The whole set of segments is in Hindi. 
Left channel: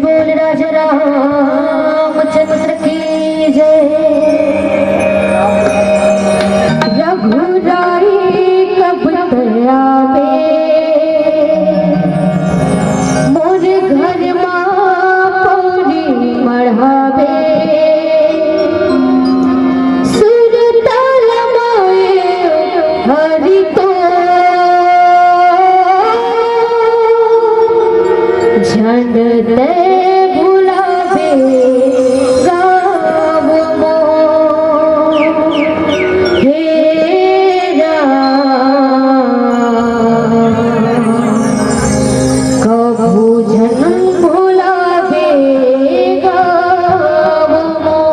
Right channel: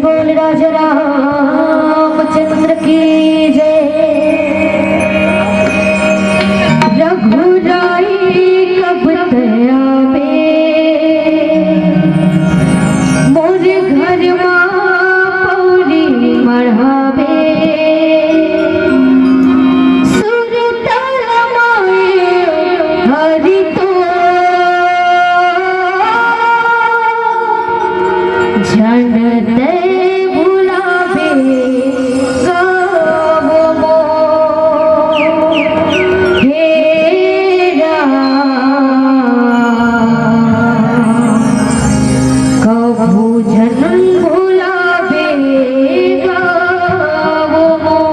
बोल राजा रामचंद्र की जय। रघुराई कब तयावे मोरे घर मां पौरी मढ़ावे। सुर ताल माए हरि तो झंड ते बुलावे गाँव मों। हे कभू झन बुलावे गाँव मों।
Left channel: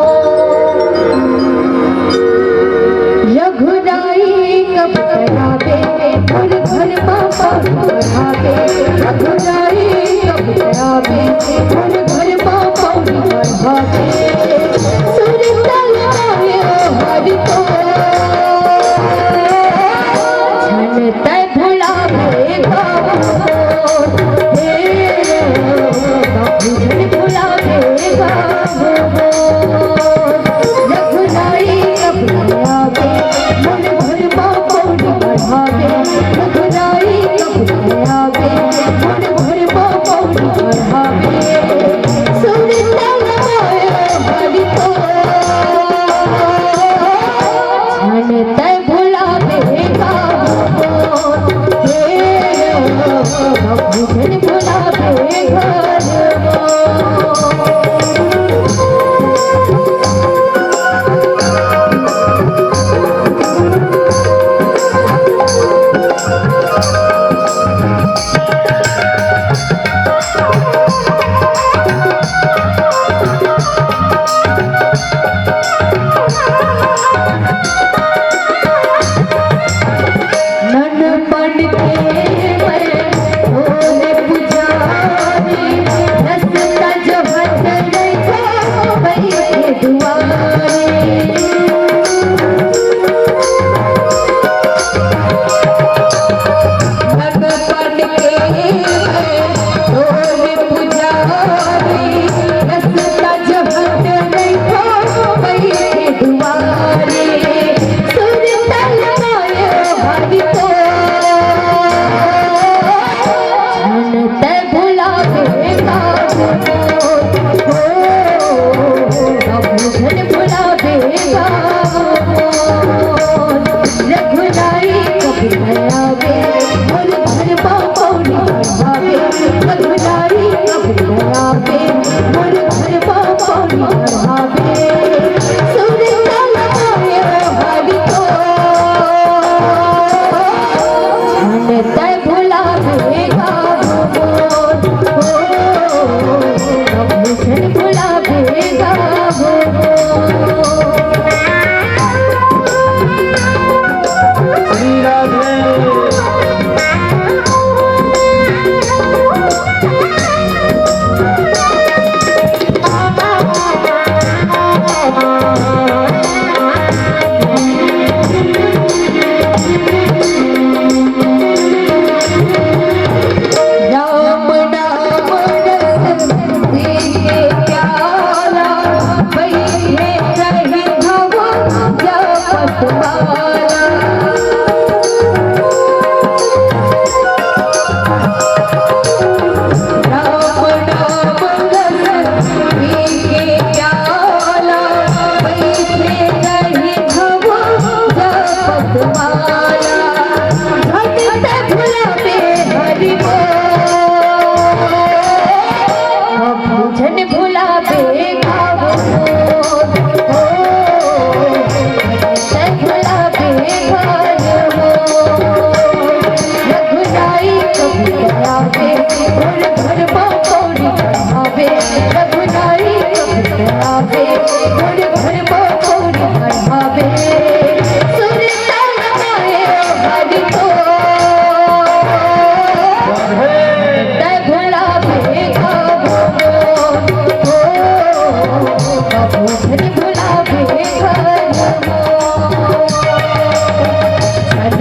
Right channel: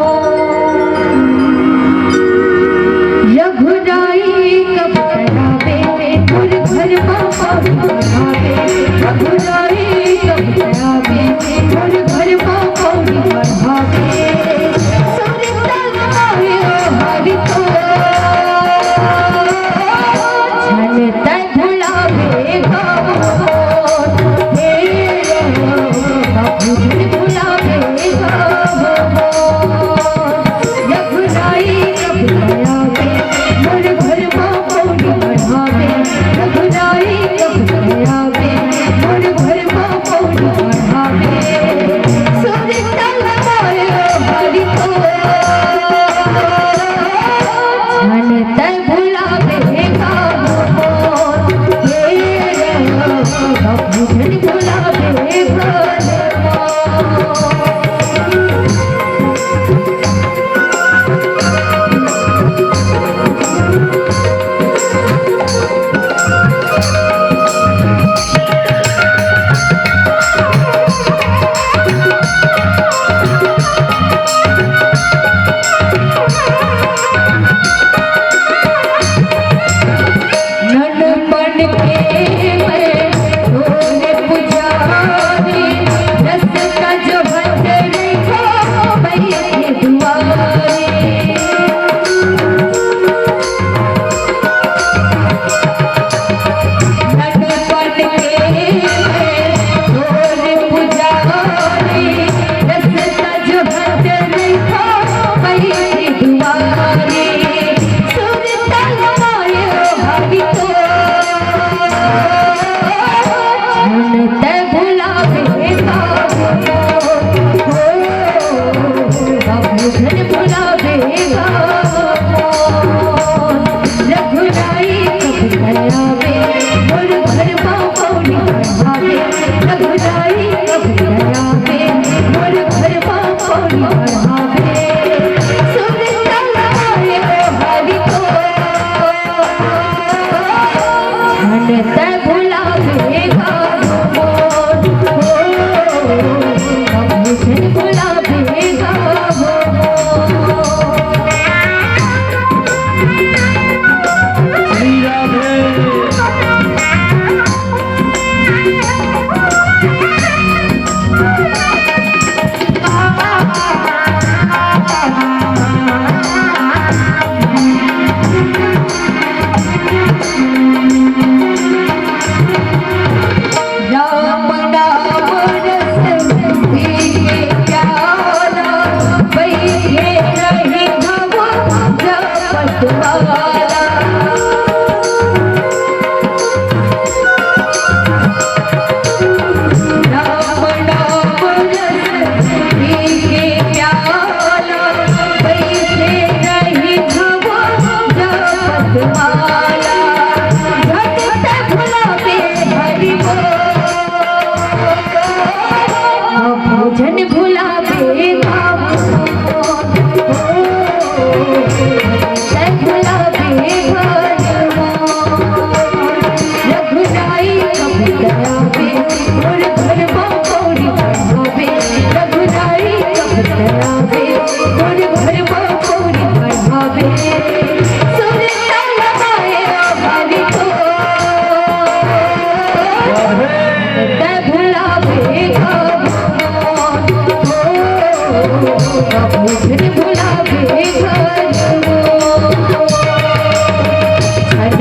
रघुराई कब तयावे मोर घर मां पौरी मढ़ावे। रघुराई कब तयावे मोर घर मां पौरी मढ़ावे। सुर ताल माए हरि तो झन ते बुलावे गाँव मों। हे कभू झन बुलावे गाँव मों। रघुराई कब तयावे मोर घर मां पौरी मढ़ावे। रघुराई कब तयावे मोर घर मां पौरी मढ़ावे। सुर ताल माए हरि तो झन ते बुलावे गाँव मों। हे कभू झन बुलावे गाँव मों। ननपन के मैं भोले पुजारी रस्ता जो भट रखो भैया दुआरे। ननपन के मैं भोले पुजारी रस्ता जो भट रखो भैया दुआरे। सुर ताल माए हरि तो झन ते बुलावे गाँव मों। कभू झन बुलावे गाँव मों। रघुराई कब तयावे मोर घर मां पौरी मढ़ावे। रघुराई कब तयावे मोर घर मां पौरी मढ़ावे। सुर ताल माए हरि तो झन ते बुलावे गाँव मों। कभू झन बुलावे गाँव मों। राम नाम रस पीके प्याला बैठे रही भव जपत वाला। राम नाम रस पीके प्याला बैठे रही भव जपत वाला। झट ते बुलावे हरि तो कभू झन बुलावे गाँव मों। ते बुलावे घर मों। रघुराई कब तयावे मोर घर मां पौरी मढ़ावे। रघुराई कब तयावे मोर घर मां पौरी मढ़ावे। सुर ताल माए हरि तो ते बुलावे गाँव मों। कभू झन बुलावे घर मों। झन